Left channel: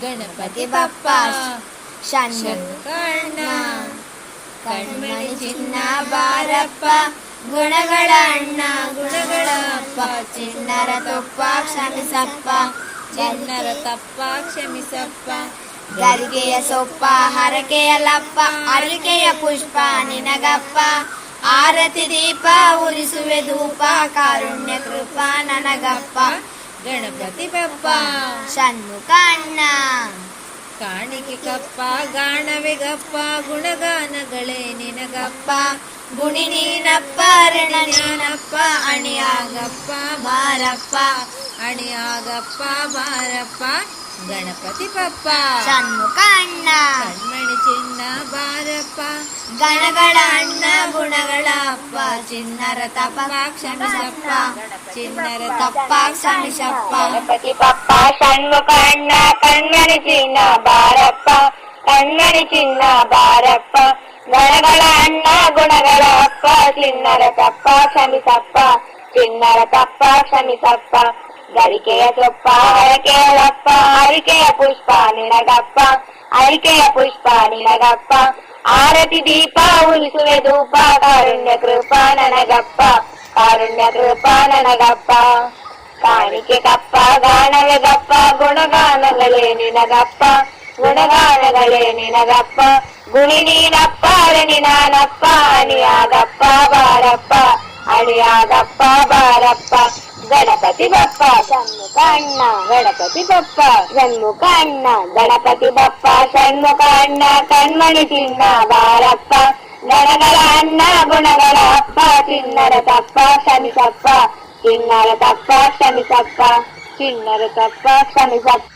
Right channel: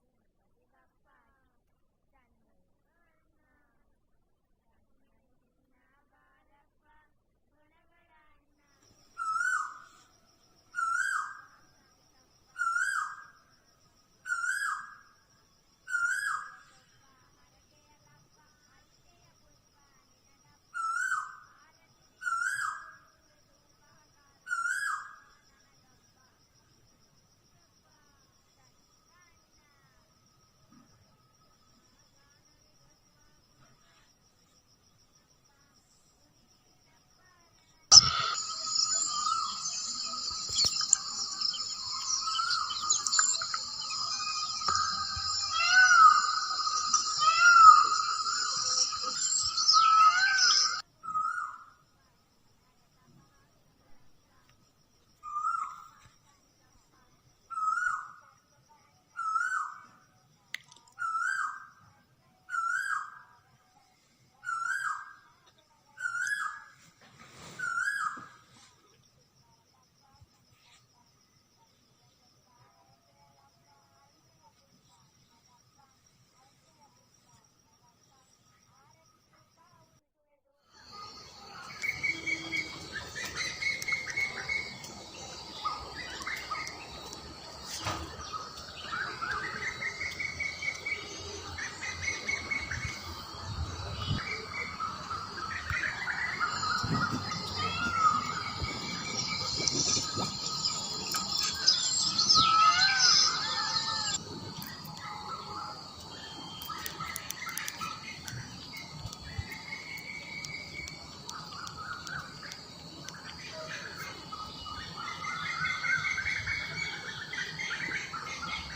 गणपती बाप्पा शानकर्ण कण्मणि चिन्न ಬಾರಪ್ಪ ಗುಣಗಳ ಅಣ್ಣ ಗುಣಗಳಪ್ಪ ಚಿನ್ನರ ತೊಪ್ಪ ಕ್ಷಮಿಸಪ್ಪ ಚಿನ್ನರ ತಪ್ಪ ಕ್ಷಮಿಸಪ್ಪ ಗರಿಗೆಯ ಸೊಪ್ಪ ಹರಕೆಯ ಲಪ್ಪ ಅರಿಕೆಯ ಪುಷ್ಪ ನಿನಗಪ್ಪ ಆರತಿ ದೀಪ ಉರಿಸುವೆ ಧೂಪ ಕಾರುಣ್ಯ ಕೃಪಾ ನನಗಪ್ಪ ಗಣಪತಿ ಬಪ್ಪ ಷಣ್ಮುಖ ಅಣ್ಣ ಕಾಣಿಕೆ ಕಪ್ಪ ಗಾಣವೆ ಗಪ್ಪ ಗುಣಗಾನಗಳೇ ನಿನಗಪ್ಪ. ಗುಣಿ ನೀನಪ್ಪ ರಣಪ್ಪ ಅಣಿಯಾಗಪ್ಪ ಬಾರಪ್ಪ. ಅಣಿಯಾಗಪ್ಪ ಬಾರಪ್ಪ ಗಣಪತಿ ಪಪ್ಪ. ಷಣ್ಮುಖ ಅಣ್ಣ. ಕಣ್ಮಣಿ ಚಿನ್ನ ಬಾರಪ್ಪ. ಗಣಗಳ ಅಣ್ಣ ಗುಣಗಳ ಅಪ್ಪ ಚಿನ್ನರ ತಪ್ಪ ಕ್ಷಮಿಸಪ್ಪ ಚಿನ್ನರ ತಪ್ಪ ಕ್ಷಮಿಸಪ್ಪ ಗಣಪತಿ ಪಪ್ಪ ಷಣ್ಮುಖ ಅಣ್ಣ ಕಣ್ಮಣಿ ಚಿನ್ನ ಬಾರಪ್ಪ ಕಣ್ಮಣಿ ಚಿನ್ನ ಬಾರಪ್ಪ ಗಣಗಳ ಅಣ್ಣ ಗುಣಗಳ ಅಪ್ಪ ಚಿನ್ನರ ತಪ್ಪ ಕ್ಷಮಿಸಪ್ಪ ಚಿನ್ನರ ತಪ್ಪ ಕ್ಷಮಿಸಪ್ಪ ಗರಿಕೆಯ ಸೊಪ್ಪ ಹರಕೆಯ ಲಪ್ಪ ಹರಿಕೆಯ ಪುಷ್ಪ ನಿನಗಪ್ಪ ಅರಿಕೆಯ ಪುಷ್ಪ ನಿನಗಪ್ಪ ಆರತಿ ದೀಪ ಉಳಿಸುವೆ ಧೂಪ ಕಾರುಣ್ಯ ಕೃಪಾ ನನಗಪ್ಪ ಕಾರುಣ್ಯ ಕೃಪಾ ನನಗಪ್ಪ ಕಾಣಿಕೆ ಕಪ್ಪ ಗಾನವೇ ಗಪ್ಪ ಗುಣಗಾನಗಳೇ ನಿನಗಪ್ಪ ಗುಣಗಾನಗಳೇ ನಿನಗಪ್ಪ ಗುಣಿ ನೀನಪ್ಪ ಅರಣಿ ನಾನಪ್ಪ ಅಣಿಯಾಗಪ್ಪ ಬಾರಪ್ಪ ಅಣಿಯಾಗಪ್ಪ ಬಾರಪ್ಪ ಗಣಪತಿ ಬಪ್ಪ ಷಣ್ಮುಖ ಅಣ್ಣ ಗಣಪತಿ ಬಪ್ಪ ಷಣ್ಮುಖ ಅಣ್ಣ ಗಣಪತಿ ಬಪ್ಪ ಷಣ್ಮುಖ ಅಣ್ಣ ಕಣ್ಮಣಿ ಚಿನ್ನ ಬಾರಪ್ಪ ಗಣಗಳ ಅಣ್ಣ ಗುಣಗಳ ಅಪ್ಪ ಚಿನ್ನರ ತಪ್ಪ ಕ್ಷಮಿಸಪ್ಪ ಚಿನ್ನರ ತಪ್ಪ ಕ್ಷಮಿಸಪ್ಪ ಚಿನ್ನರ ತಪ್ಪ ಕ್ಷಮಿಸಪ್ಪ